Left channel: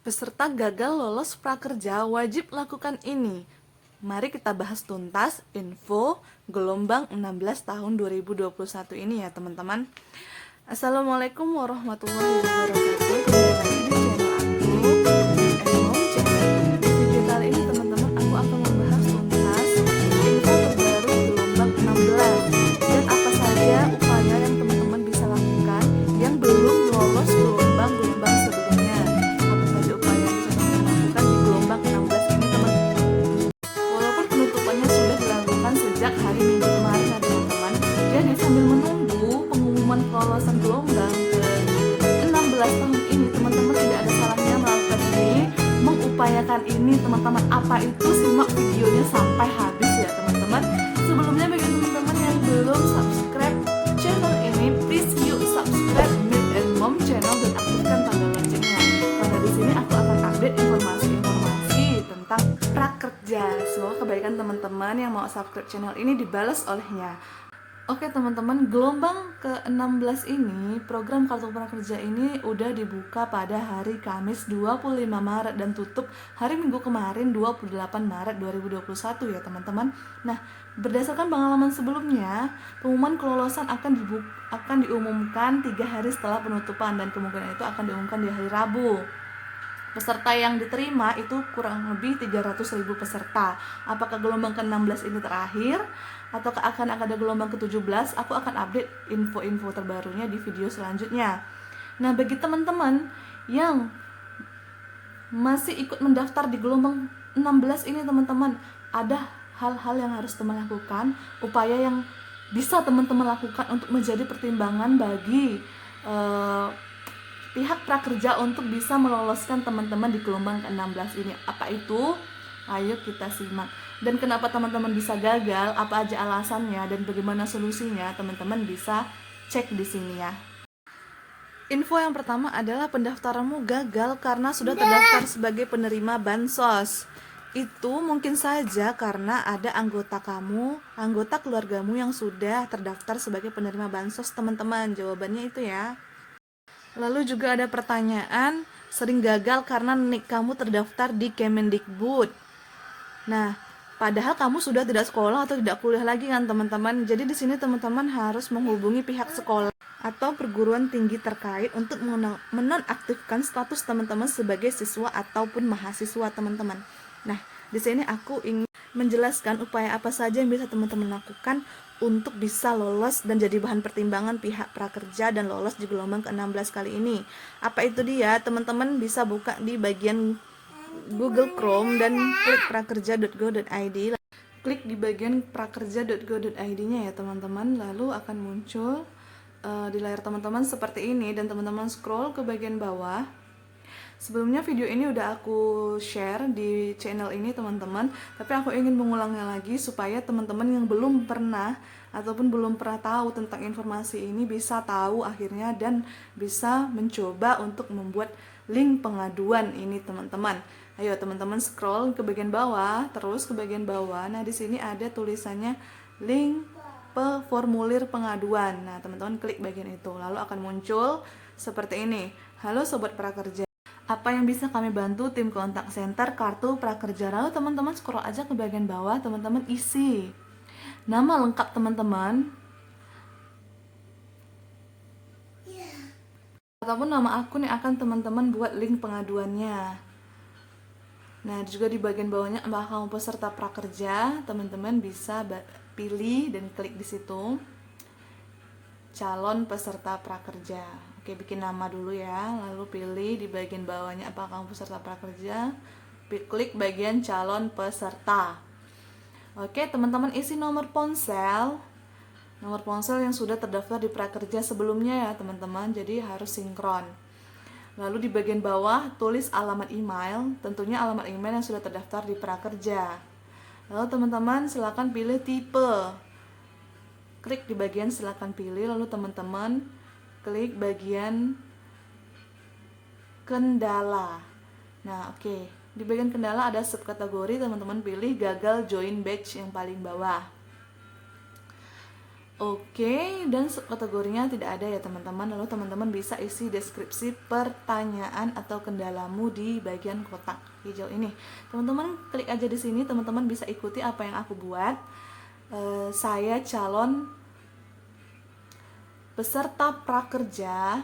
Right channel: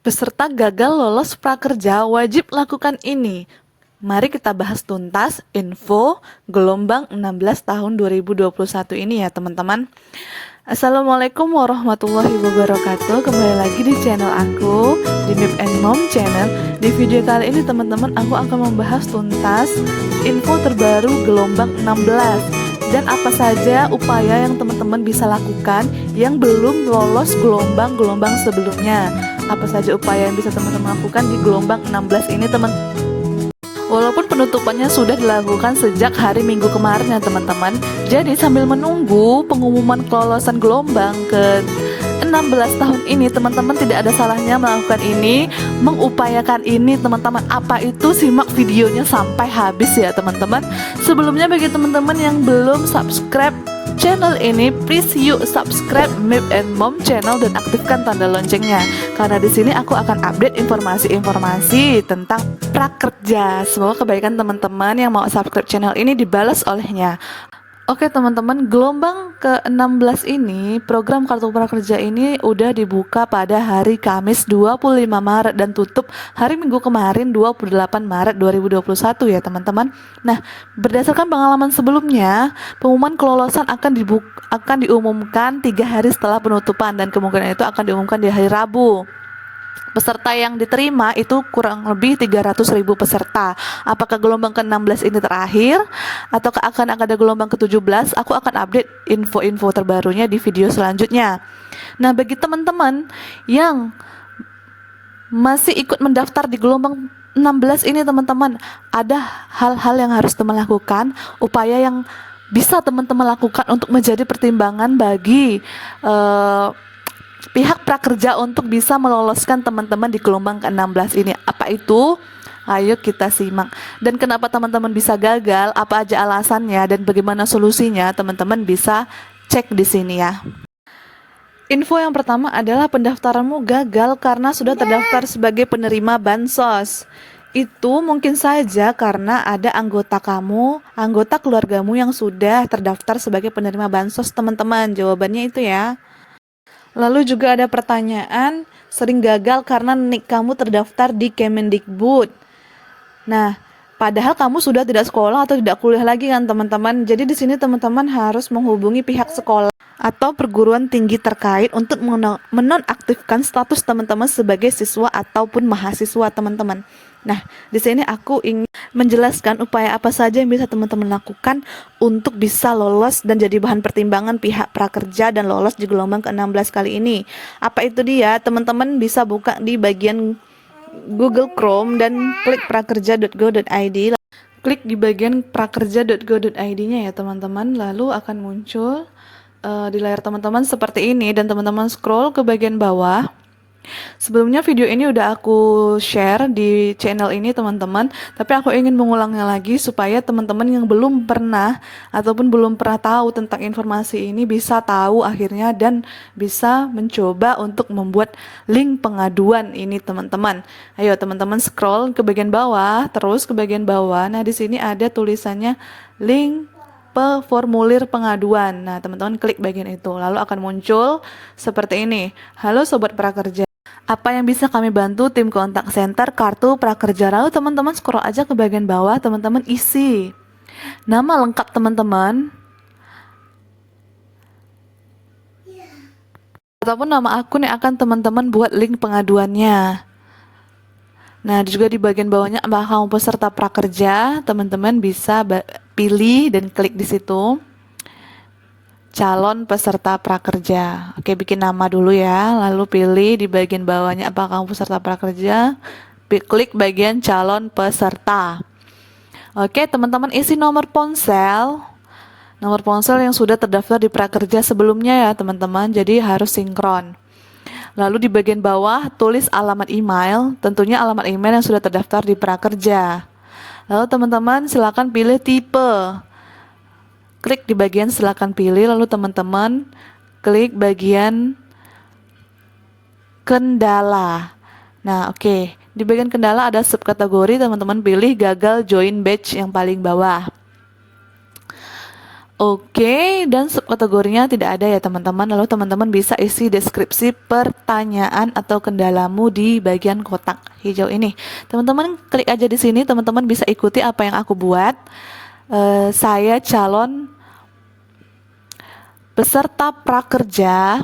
Peserta gagal lolos prakerja wajib lakukan ini. Mari kita bahas tuntas info gelombang 16 tahun 2021 ini ya teman-teman. Assalamualaikum warahmatullahi wabarakatuh. Kembali lagi di channel aku, di Mip and Mom Channel. Di video kali ini teman-teman, aku akan membahas tuntas info terbaru gelombang 16 dan apa saja upaya yang teman-teman bisa lakukan yang belum lolos gelombang-gelombang sebelumnya. Apa saja upaya yang bisa teman-teman lakukan di gelombang 16 ini teman. Walaupun penutupannya sudah dilakukan sejak hari Minggu kemarin ya teman-teman. Jadi sambil menunggu pengumuman kelolosan gelombang ke 16 tahun ini, teman-teman tidak ada salahnya melakukan ini, mengupayakan ini teman-teman. Apa itu? Simak videonya sampai habis ya teman-teman. Sebelumnya bagi teman-teman yang belum subscribe channel ini, please yuk subscribe Mip and Mom Channel dan aktifkan tanda loncengnya. Karena di sini aku akan update informasi-informasi tentang prakerja. Semoga kebaikan teman-teman yang mau subscribe channel ini dibalas olehnya. Oke teman-teman, gelombang ke-16 ini, program Kartu Prakerja ini udah dibuka pada hari Kamis 25 Maret dan tutup hari Minggu kemarin 28 Maret 2021 ya teman-teman. Nah, berdasarkan pengalaman sebelumnya, pengumuman kelolosan akan diumumkan 3 hari setelah penutupan dan kemungkinan itu akan diumumkan di hari Rabu. Peserta yang diterima itu kurang lebih 300.000 peserta. Apakah gelombang ke-16 ini terakhir ataukah akan ada gelombang ke-17? Aku akan update info-info terbarunya di video selanjutnya. Nah, bagi teman-teman yang masih ikut mendaftar di gelombang 16 ini teman-teman, ada hal-hal yang harus teman lakukan, upaya yang bisa teman-teman lakukan untuk menjadi pertimbangan bagi pihak prakerja untuk bisa meloloskan teman-teman di gelombang ke-16 ini. Apa itu? Ayo kita simak. Dan kenapa teman-teman bisa gagal, apa aja alasannya dan bagaimana solusinya, teman-teman bisa cek di sini ya. Info yang pertama adalah pendaftaranmu gagal karena sudah terdaftar sebagai penerima bansos. Itu mungkin saja karena ada anggota keluargamu yang sudah terdaftar sebagai penerima bansos, teman-teman. Jawabannya itu ya. Lalu juga ada pertanyaan, sering gagal karena nik kamu terdaftar di Kemendikbud. Nah, padahal kamu sudah tidak sekolah atau tidak kuliah lagi kan teman-teman. Jadi di sini teman-teman harus menghubungi pihak sekolah atau perguruan tinggi terkait untuk menonaktifkan status teman-teman sebagai siswa ataupun mahasiswa teman-teman. Nah, di sini aku ingin menjelaskan upaya apa saja yang bisa teman-teman lakukan untuk bisa lolos dan jadi bahan pertimbangan pihak prakerja dan lolos di gelombang ke-16 kali ini. Apa itu dia? Teman-teman bisa buka di bagian Google Chrome dan klik prakerja.go.id. Klik di bagian prakerja.go.id-nya ya teman-teman, lalu akan muncul di layar teman-teman seperti ini dan teman-teman scroll ke bagian bawah. Sebelumnya video ini udah aku share di channel ini teman-teman, tapi aku ingin mengulangnya lagi supaya teman-teman yang belum pernah ataupun belum pernah tahu tentang informasi ini bisa tahu akhirnya dan bisa mencoba untuk membuat link pengaduan ini teman-teman. Ayo teman-teman scroll ke bagian bawah, terus ke bagian bawah. Nah, di sini ada tulisannya link formulir pengaduan. Nah, teman-teman klik bagian itu, lalu akan muncul seperti ini. Halo Sobat Prakerja. Apa yang bisa kami bantu tim kontak center Kartu Prakerja? Lalu teman-teman scroll aja ke bagian bawah, teman-teman isi nama lengkap teman-teman ataupun nama akun yang akan teman-teman buat link pengaduannya. Nah, juga di bagian bawahnya apakah kamu peserta prakerja, teman-teman bisa pilih dan klik di situ calon peserta prakerja. Oke, bikin nama dulu ya, lalu pilih di bagian bawahnya apakah kamu peserta prakerja, klik bagian calon peserta. Oke, teman-teman isi nomor ponsel yang sudah terdaftar di prakerja sebelumnya ya teman-teman, jadi harus sinkron. Lalu di bagian bawah tulis alamat email, tentunya alamat email yang sudah terdaftar di prakerja. Lalu teman-teman silakan pilih tipe. Klik di bagian silakan pilih, lalu teman-teman klik bagian kendala. Nah, oke. Di bagian kendala ada subkategori, teman-teman pilih gagal join batch yang paling bawah. Oke, dan subkategorinya tidak ada ya teman-teman. Lalu teman-teman bisa isi deskripsi pertanyaan atau kendalamu di bagian kotak hijau ini. Teman-teman klik aja di sini, teman-teman bisa ikuti apa yang aku buat. Saya calon peserta prakerja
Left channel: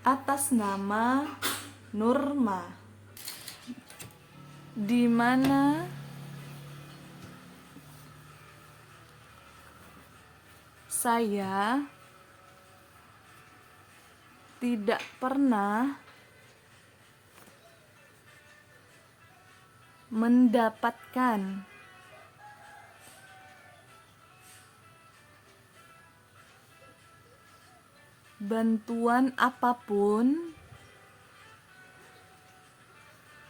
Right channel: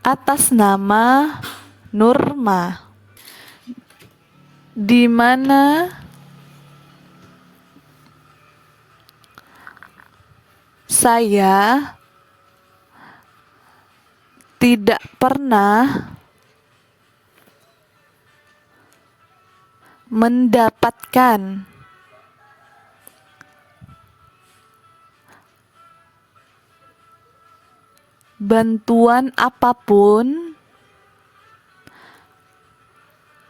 atas nama Nurma, di mana saya tidak pernah mendapatkan bantuan apapun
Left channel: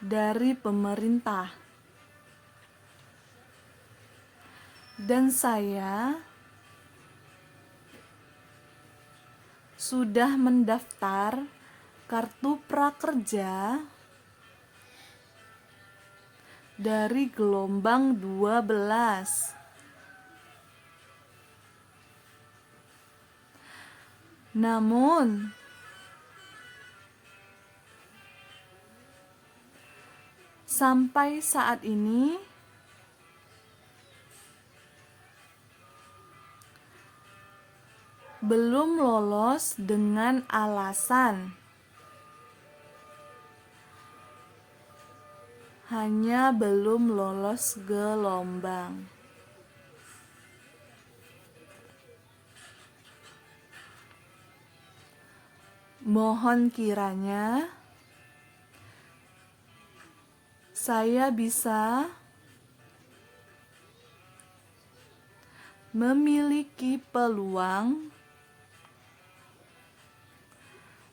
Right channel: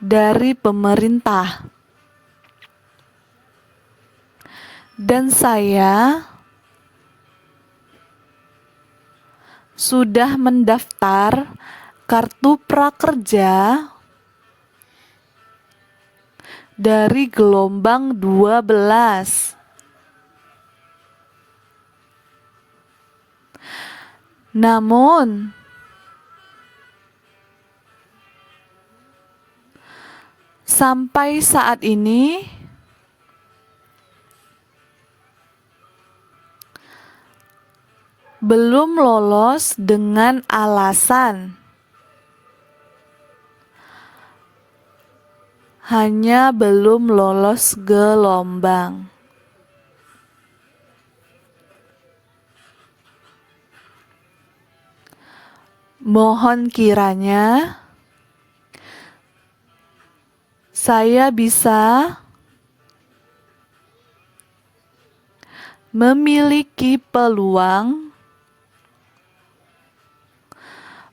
dari pemerintah, dan saya sudah mendaftar kartu prakerja dari gelombang 12. Namun, sampai saat ini belum lolos dengan alasan hanya belum lolos gelombang. Mohon kiranya saya bisa memiliki peluang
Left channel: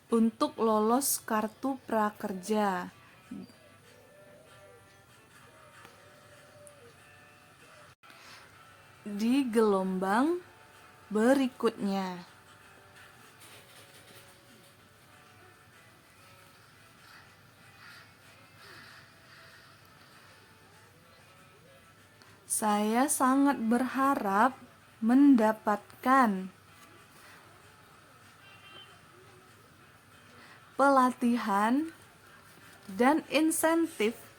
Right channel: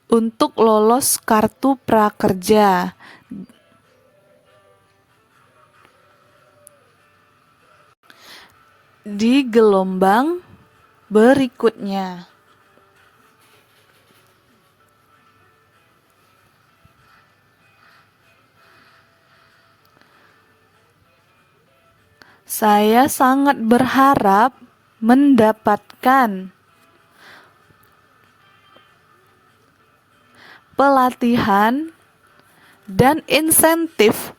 untuk lolos kartu prakerja di gelombang berikutnya. Saya sangat berharap mendapatkan pelatihan dan insentif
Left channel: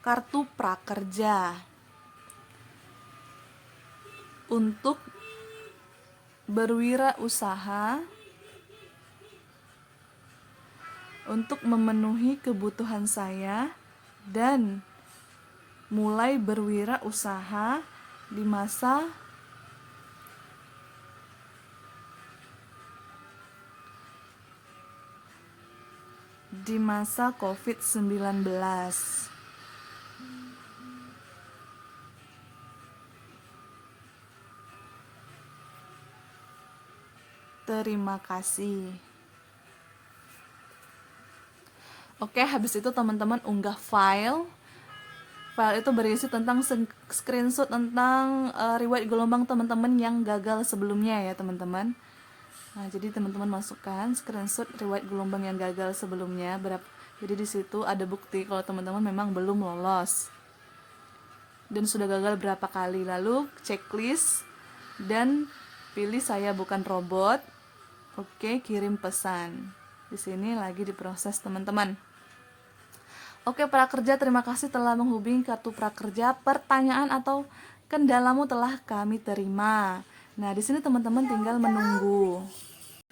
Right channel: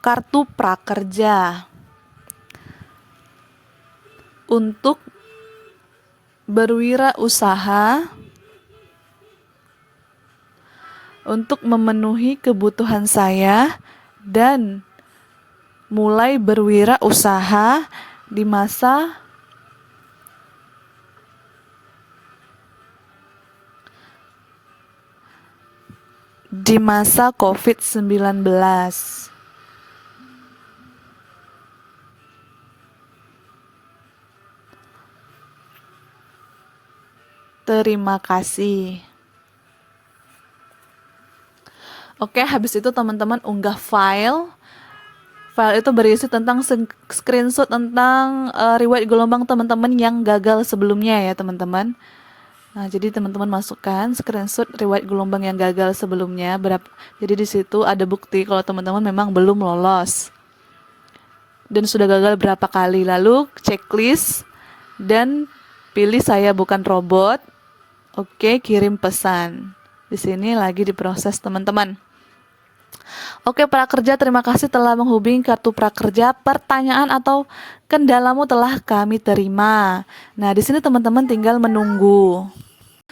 kartu prakerja untuk berwirausaha, untuk memenuhi kebutuhan saya dan mulai berwirausaha di masa COVID-19. Terima kasih. Oke, habis itu teman-teman unggah file. File itu berisi tentang screenshot tentang riwayat gelombang teman-teman yang gagal sebelumnya ya teman-teman. Nah, jadi teman-teman masukkan screenshot riwayat gelombang yang gagal sebelumnya. Jadi di situ ada bukti kalau teman-teman memang belum lolos dan sudah gagal berapa kali. Lalu checklist dan pilih saya bukan robot. Oke, kirim pesan. Di sini lagi diproses teman-teman. Oke, prakerja, terima kasih telah menghubungi kartu prakerja. Pertanyaan atau kendalamu telah kami terima. Nah, di sini teman-teman tinggal menunggu.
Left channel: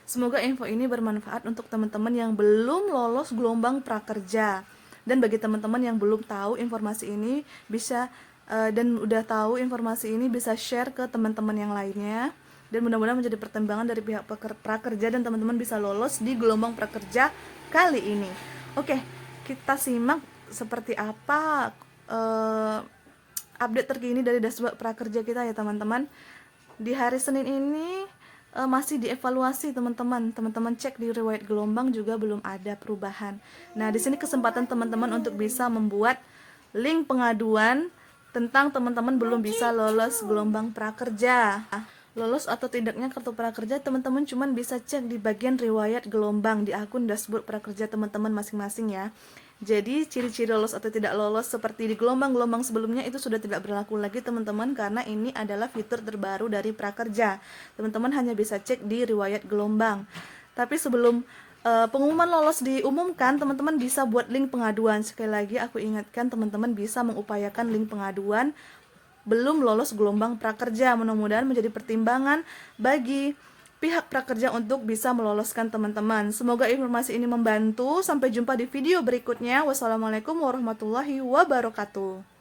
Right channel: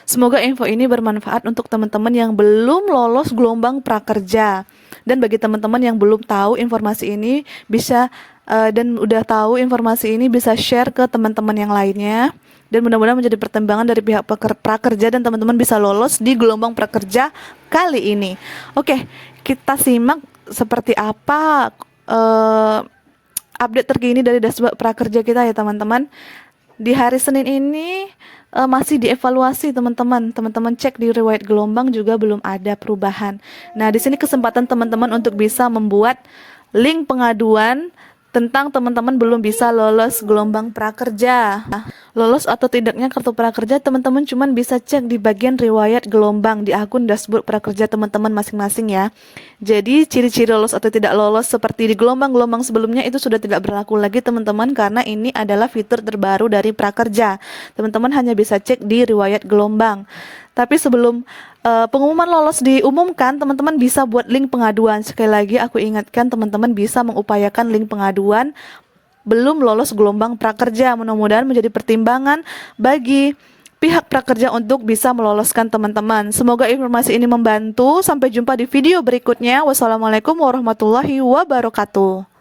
Semoga info ini bermanfaat untuk teman-teman yang belum lolos gelombang prakerja. Dan bagi teman-teman yang belum tahu informasi ini bisa dan udah tahu informasi ini bisa share ke teman-teman yang lainnya. Dan mudah-mudahan menjadi pertimbangan dari pihak prakerja dan teman-teman bisa lolos di gelombang prakerja kali ini. Oke, kita simak seperti apa update terkini dari dashboard prakerja kita ya teman-teman. Di hari Senin ini masih dievaluasi teman-teman. Teman-teman cek di riwayat gelombang juga belum ada perubahan. Nah, di sini kesempatan teman-teman untuk bisa membuat link pengaduan tentang teman-teman belum bisa lolos gelombang prakerja. Nah, lolos atau tidaknya kartu prakerja, teman-teman cuman bisa cek di bagian riwayat gelombang di akun dashboard prakerja teman-teman masing-masing ya. Jadi ciri-ciri lolos atau tidak lolos seperti di gelombang-gelombang sebelumnya itu sudah tidak berlaku lagi teman-teman, karena ini adalah fitur terbaru dari prakerja. Teman-teman hanya bisa cek di riwayat gelombang. Tapi sebelum pengumuman lolos diumumkan, teman-teman bisa buat link pengaduan. Sekali lagi aku ingatkan, teman-teman bisa mengupayakan link pengaduan belum lolos gelombang prakerja. Mudah-mudahan menjadi pertimbangan bagi pihak prakerja untuk bisa meloloskan teman-teman. Semoga informasi ini membantu. Sampai jumpa di video berikutnya. Wassalamualaikum warahmatullahi wabarakatuh.